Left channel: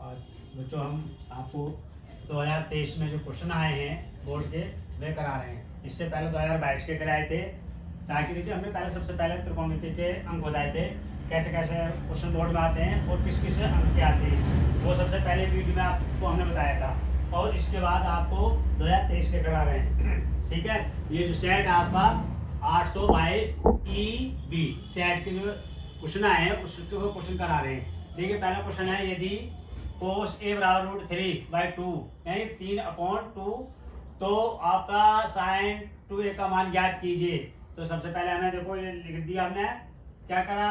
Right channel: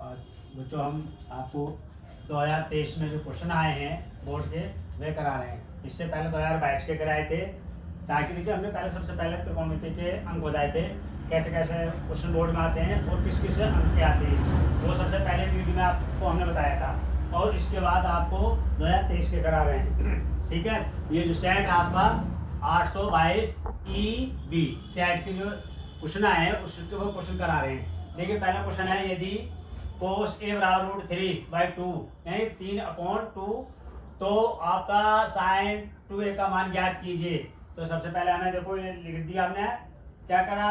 और बच्चों हम आपको 2023 में जो क्वेश्चन आए हैं बोर्ड के वे करा रहे हैं। इससे पहले 2022 के कराए थे, ताकि देखिए हमने पहले सबसे पहले त्रिकोणमिति के अंक बताए थे, कैसे कैसे क्वेश्चन बोर्ड में आते हैं और किस किस अंक के आते हैं, वो सबसे पहले वीडियो में आपको हमने बताया था। और इसके बाद आपको 2023 के करा रहे हैं। ठीक है, ये जो सेट आपका 822 EB सेट के जो क्वेश्चन आए हैं उसके वो क्वेश्चन करा रहे हैं। देखिए पहला क्वेश्चन है, यदि cos a बराबर √3/2 यानी 3/2, तो आपका sin 2a का मान ज्ञात कीजिए। तो सबसे पहले हमें देखो ये लिख दिया हमने, क्या करा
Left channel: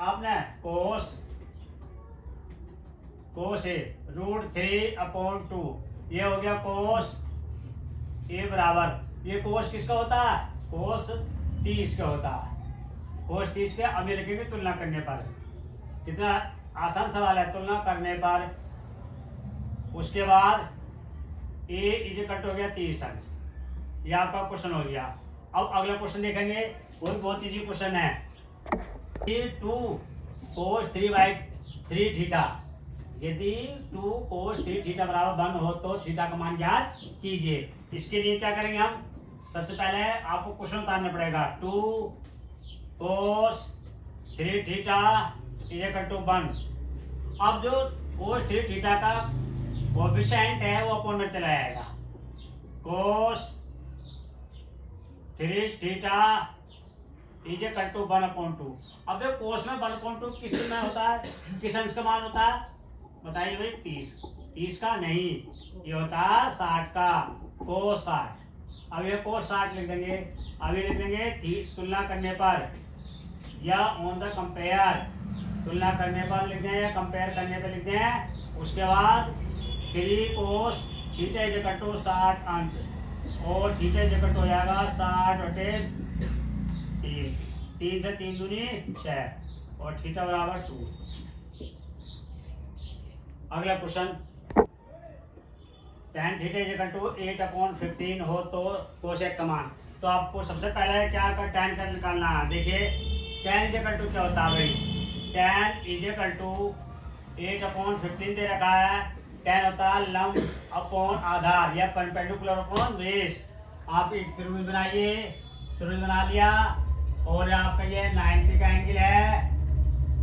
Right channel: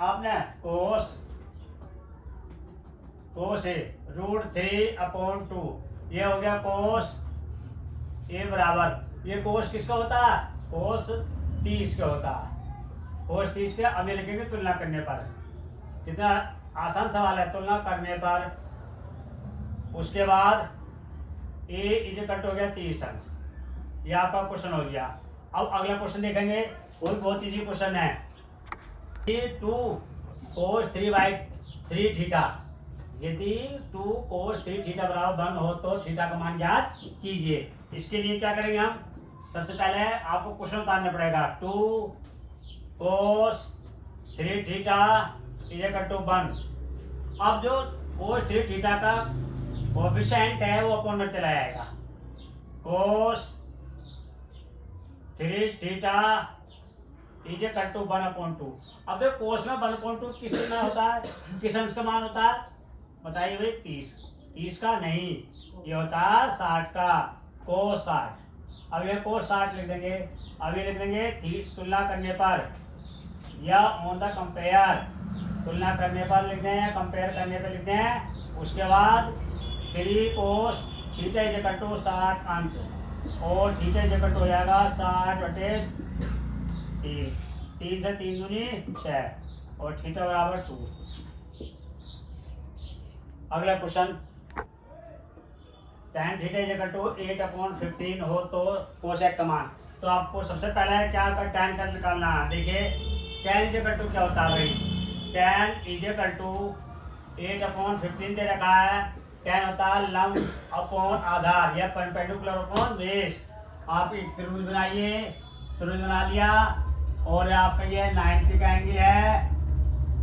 आपने cos a √3/2, ये हो गया cos a बराबर, ये cos किसका होता है, cos 30 का होता है, cos 30 के। अब ये लिखेंगे तुलना करने पर, कितना आसान सवाल है, तुलना करने पर। उसके बाद a इक्वल हो गया 30 अंश, ये आपका क्वेश्चन हो गया। अब अगला क्वेश्चन देखेंगे, वो बहुत इजी क्वेश्चन है। 2 cos 3/3 थीटा, यदि 2 cos 3 थीटा बराबर 1 हो तो थीटा का मान ज्ञात कीजिए। इसके लिए क्या करेंगे हम, सबसे पहले आपको क्वेश्चन उतारना पड़ेगा। 2 cos 3 थीटा इक्वल टू 1। अब जो cos 3 थीटा का कोएफिशिएंट है वो अपॉन चला जाएगा, cos 3 थीटा इक्वल टू 1/2। अब देखो cos में 1/2 किस में होता है, किस अंश का मान होता है, बताइए भाई। 30 का नहीं, ये होता है 60 का, cos 60। अब ये cos 60 लिख देंगे। अब ये लिख देंगे तुलना करने पर या ऑन द कंपेयर, तुलना करने पर लिख दें या कंपेयर करने पर लिख दें। उसके बाद 3 cos थीटा इक्वल टू 60 अंश, और थीटा इक्वल हो जाएगा 60/3, 3 से 3 दूनी 6, और थीटा बराबर 2। अगला question, tan theta equal to 8/15 हो तो कोसेक का मान। तो आपको सबसे पहले क्या कर tan का निकालना है। देखिए tan इक्वल टू क्या होता है भाई, tan इक्वल टू 8/15 दे रखा है। tan होता है लंब अपॉन आधार या परपेंडिकुलर अपॉन बेस। आप एक त्रिभुज बनाइए, त्रिभुज बना लिया, और आपका ये 90 का एंगल है।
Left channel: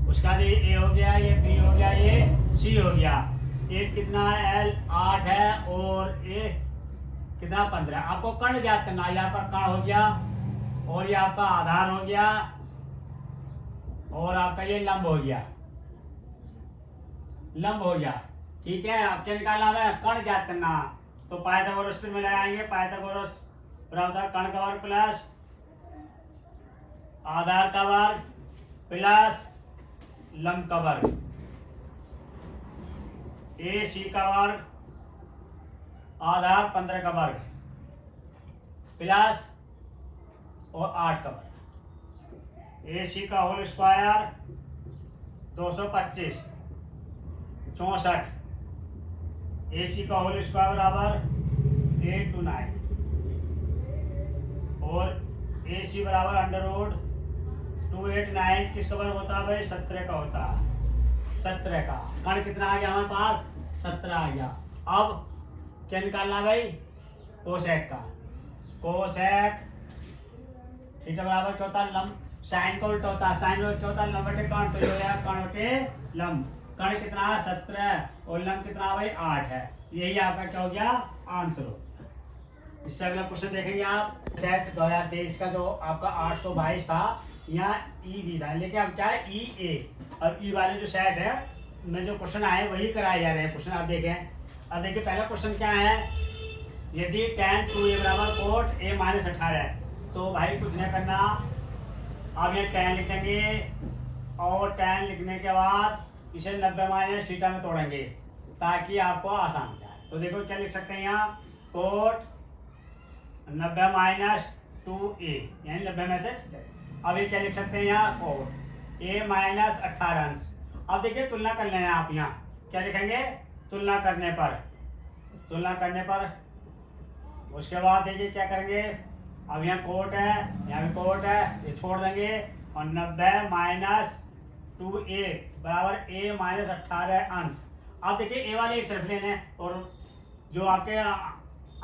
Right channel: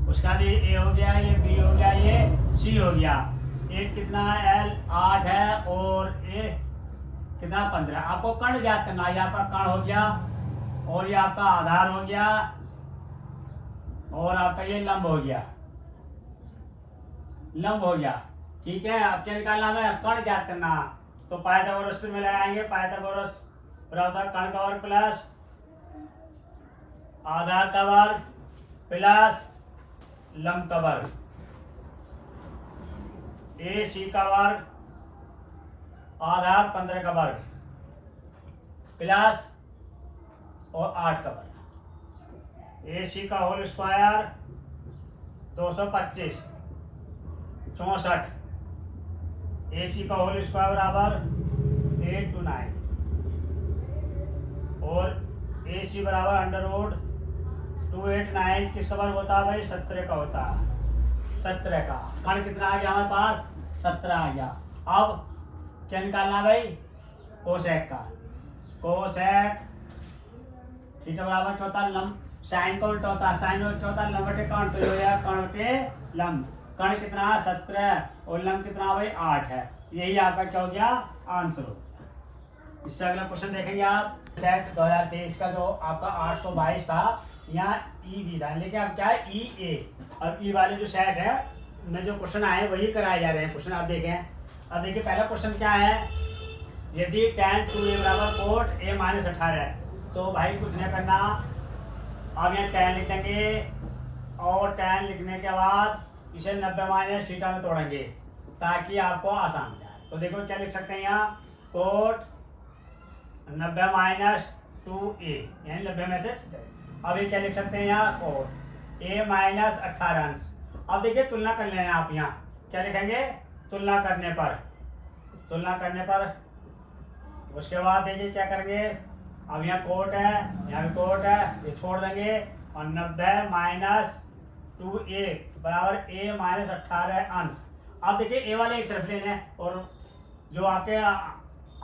उसका बाद ये ए हो गया, ये बी हो गया, ये सी हो गया। एक कितना है, एल 8 है, और ए कितना 15। आपको कर्ण ज्ञात करना है। ये आपका कर्ण हो गया, और ये आपका आधार हो गया, और आपका ये लंब हो गया, लंब हो गया। ठीक है, अब क्या निकालना है, कर्ण ज्ञात करना। तो पाइथागोरस में लगाएंगे, पाइथागोरस बराबर कर्ण का वर्ग प्लस आधार का वर्ग प्लस लंब का वर्ग, ए सी का वर्ग आधार 15 का वर्ग प्लस और 8 का वर्ग, ए सी का होल स्क्वायर 225 64, ए सी का होल स्क्वायर बराबर 8 to 9, और ए सी बराबर अंडर रूट 289 किसका वर्ग होता है भाई, 17 का होता है, 17 का। कर्ण कितना आ गया हमारे पास, 17 आ गया। अब क्या निकालना भाई, कोसेक का। कोसेक थीटा बराबर क्या होता है, लंब। साइन का उल्टा होता है, साइन क्या होता है, लंब बटे कर्ण, तो ये कर्ण बटे लंब। कर्ण कितना है 17, और लंब कितना भाई 8 है। यही आपका क्या हो गया, आंसर हो गया। इससे अगला क्वेश्चन देखेंगे आप, सेट 2023 का जो आपका 822 था, यहाँ ई भी था, लेकिन अब क्या है, ई ए। अब ई वाले जो सेट है में जो क्वेश्चन आए वही कराए जा रहे हैं क्वेश्चन। आप देखें, अब देखिए पहला क्वेश्चन क्या है, यदि tan 2a बराबर कोट a - 18 है, तो भाई कुछ नहीं करना। अब ये tan लिख देंगे, और tan लिखने के बाद इसे 90 - थीटा में तोड़ेंगे ताकि आपको आसान हो जाए। तो देखो क्या लिख सकते हैं यहाँ, कोट 90 - 2a यानी 90 में से। अब ये क्या लिख सकते हैं यहाँ, कोट a - 18 अंश। अब देखिए तुलना कर लें आप, यहाँ क्या लिखेंगे, तुलना करने पर, तुलना करने पर। उसके बाद देखिए क्या करेंगे, अब यहाँ कोट है, यहाँ भी कोट है, ये छोड़ देंगे, और 90 - 2a बराबर a - 18 अंश। अब देखिए ए वाले एक तरफ लेना है और जो आपके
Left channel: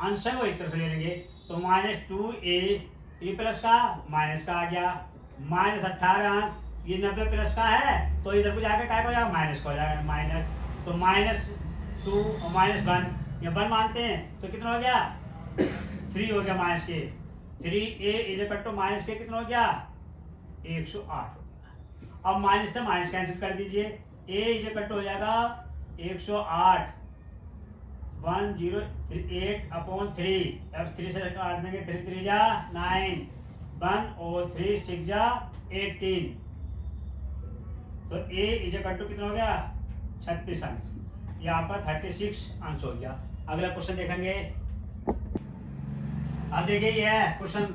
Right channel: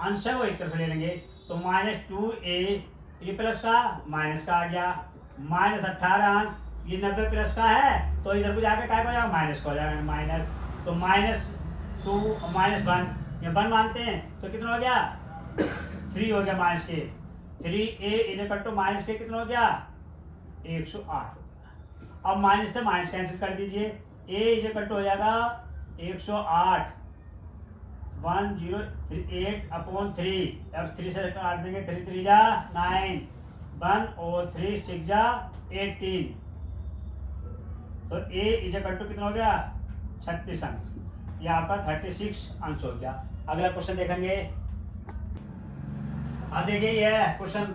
अंश है वो एक तरफ ले लेंगे। तो -2a ये प्लस का माइनस का आ गया, -18 अंश ये 90 प्लस का है तो इधर को जाके क्या हो जाएगा माइनस का हो जाएगा, माइनस। तो -2 -1 ये 1 मानते हैं तो कितना हो गया 3 हो गया माइनस के। 3a is equal to minus के कितना हो गया 108। अब माइनस से माइनस कैंसिल कर दीजिए, a इज इक्वल टू हो जाएगा 108 1038/3। अब 3 से काट देंगे, 3 3 जा 9, 1 और 3 6 जा 18। तो a इज इक्वल टू कितना हो गया 36 अंश, ये आपका 36 अंश हो गया। अगला क्वेश्चन देखेंगे। अब देखिए ये है क्वेश्चन,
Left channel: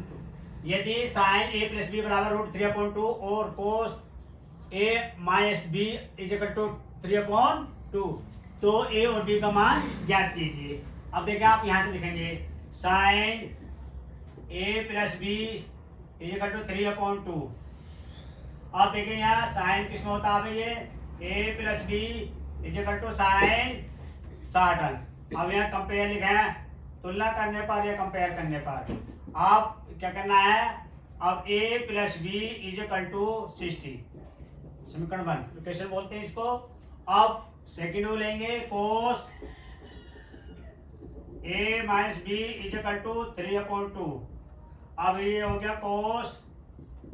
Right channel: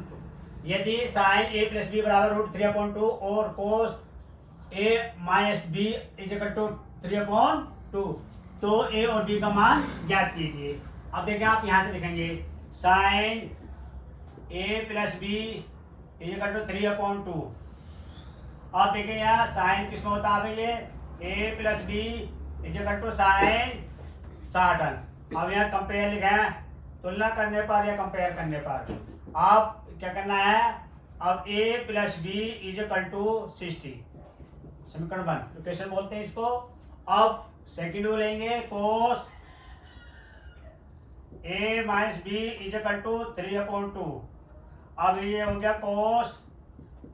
यदि साइन a प्लस बी बराबर √3/2 और cos a minus b is equal to 3/2 तो a और b का मान ज्ञात कीजिए। अब देखिए आप यहां से लिखेंगे sine a plus b is equal to 3/2। अब देखिए यहाँ साइन किसमें होता है ये a plus b is equal to sine 60 अंश। अब यहाँ कंपेयर लिखे हैं, तुलना करने पर या कंपेयर करने पर आप क्या करना है, अब a plus b is equal to 60 समीकरण 1 तो कैसे बोलते हैं इसको। अब सेकंड वो लेंगे cos a minus b is equal to 3/2। अब ये हो गया cos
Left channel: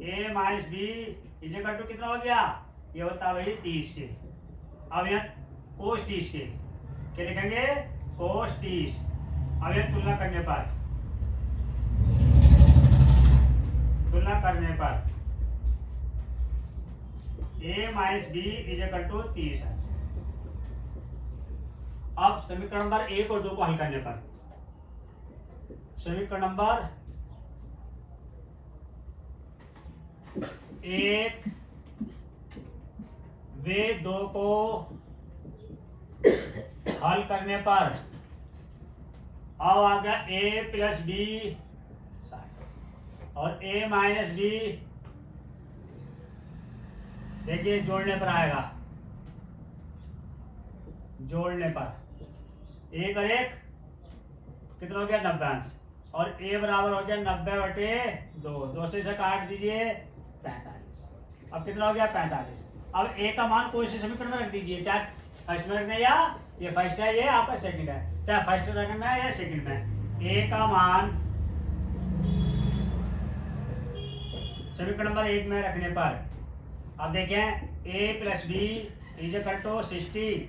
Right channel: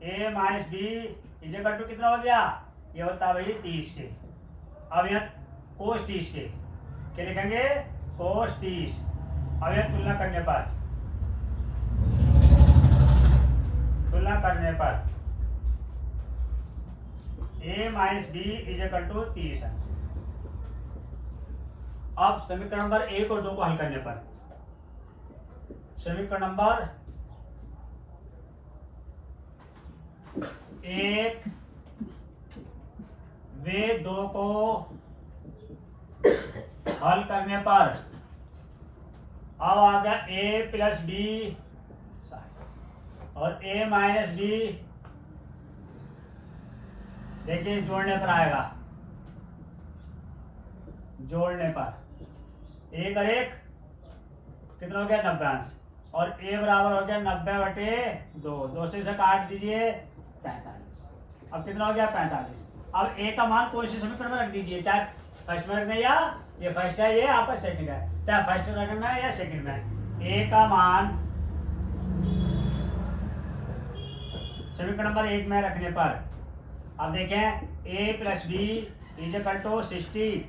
a minus b is equal to कितना हो गया, ये होता है भाई 30 के। अब यहाँ कोस 30 के क्या लिखेंगे कोस 30। अब यहाँ तुलना करने पर a minus b is equal to 30 अंश। अब समीकरण नंबर 1 और 2 को हल करने पर समीकरण नंबर 1 वे 2 को हल करने पर अब आ गया a प्लस बी और a माइनस बी, देखिए जोड़ने पर आएगा, जोड़ने पर 1 और 1 कितना हो गया 90 अंश और a बराबर हो गया 90/2, 2 से काट दीजिए 45। अब कितना हो गया 45। अब a का मान कोई से समीकरण में रख दीजिए, चाहे फर्स्ट में रख दें या ये फर्स्ट है ये आपका सेकंड है, चाहे फर्स्ट रखना है या सेकंड में। a का मान समीकरण नंबर 1 में रखने पर अब देखें a plus b is equal to 60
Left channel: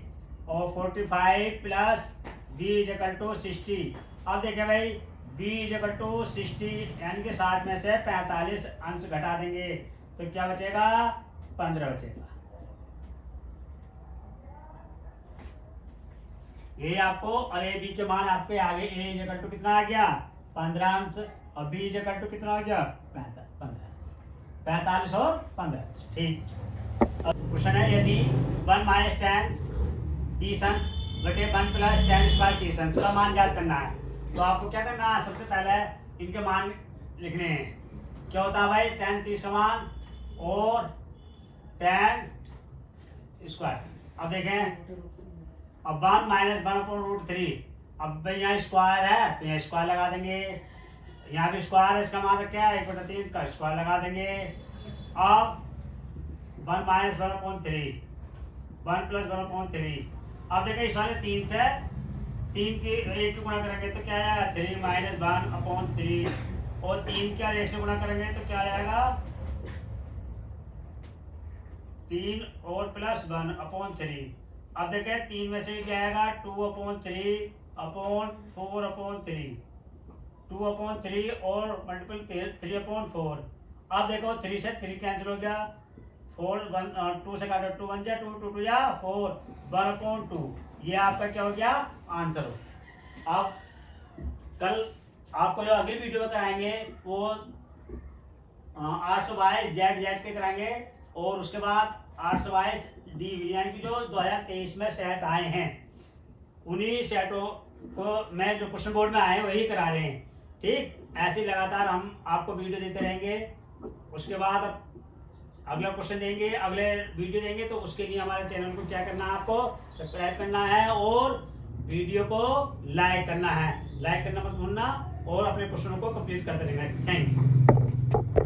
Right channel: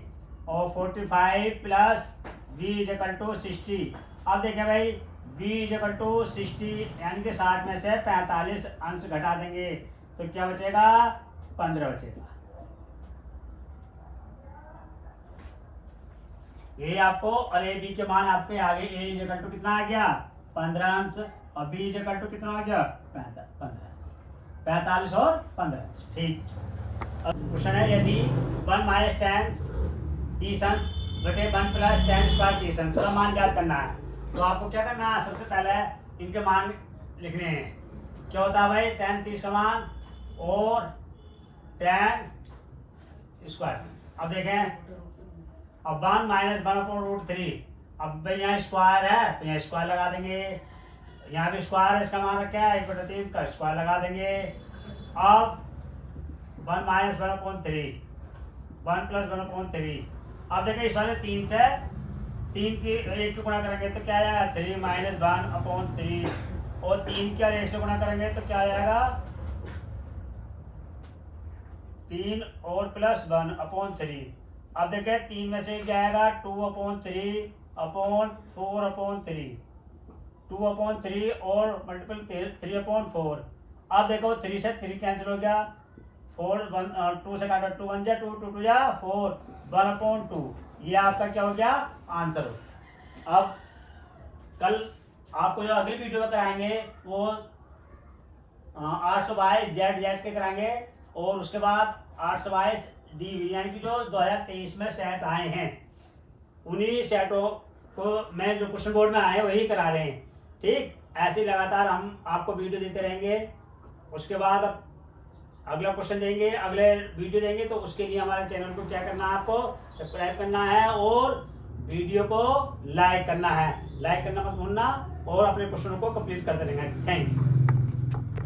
और 45 plus b is equal to 60। अब देखें भाई b इज इक्वल टू 60 यानी कि 60 में से 45 अंश घटा देंगे तो क्या बचेगा 15 बचेगा। ये आपको और a b के मान आपके आगे a इज इक्वल टू कितना आ गया 15 अंश और b इज इक्वल टू कितना हो गया 45 और 15। ठीक। अब क्वेश्चन है यदि 1 माइनस 10 30 अंश बटे 1 प्लस 10 स्क्वायर 30 अंश का मान ज्ञात करना है तो आपको क्या करना है, सबसे पहले इनके मान लिखने हैं। क्या होता है भाई 10 30 का मान और 10 स्क्वायर। अब देखें अब 1 माइनस 1/√3। अब भाई यहाँ स्क्वायर है तो यहाँ स्क्वायर लगा देंगे, यहाँ भी स्क्वायर है इसका मान रखा है 1/3 का स्क्वायर लगा देंगे। अब 1 माइनस 1/3 1 प्लस 1/3। अब देखिए इस वाले 3 से 3 की 1 की गुणा करेंगे तो क्या आएगा 3 माइनस 1/3 और 3 के और 1 से गुणा करेंगे तो क्या आएगा 3 और प्लस 1/3। अब देखिए 3 में से क्या आएगा 2/3/4/3 2/3 और मल्टीपल 3/4। अब देखो 3 से 3 कैंसिल हो गया 4 1 2 से काटो 2 1 जा 2 2 2 जा 4 1/2। ये आपका क्या हो गया आंसर हो। अब कल आपको जो अगली वीडियो में कराएंगे वो 822 जेड के कराएंगे और उसके बाद 822 डीवी यानी कि जो 2023 में सेट आए हैं उन्हीं सेटों को मैं जो क्वेश्चन बोर्ड में आए वही करा रहे हैं। ठीक, ऐसे लगातार हम आपको वीडियो देते रहेंगे। उसके बाद अब अगला क्वेश्चन देंगे, अगले वीडियो देंगे, तो उसके लिए हमारे चैनल को क्या करना है, आपको सब्सक्राइब करना है और वीडियो को लाइक करना है। लाइक करना मत भूलना और अपने क्वेश्चनों को कंप्लीट करते रहना। Thank you.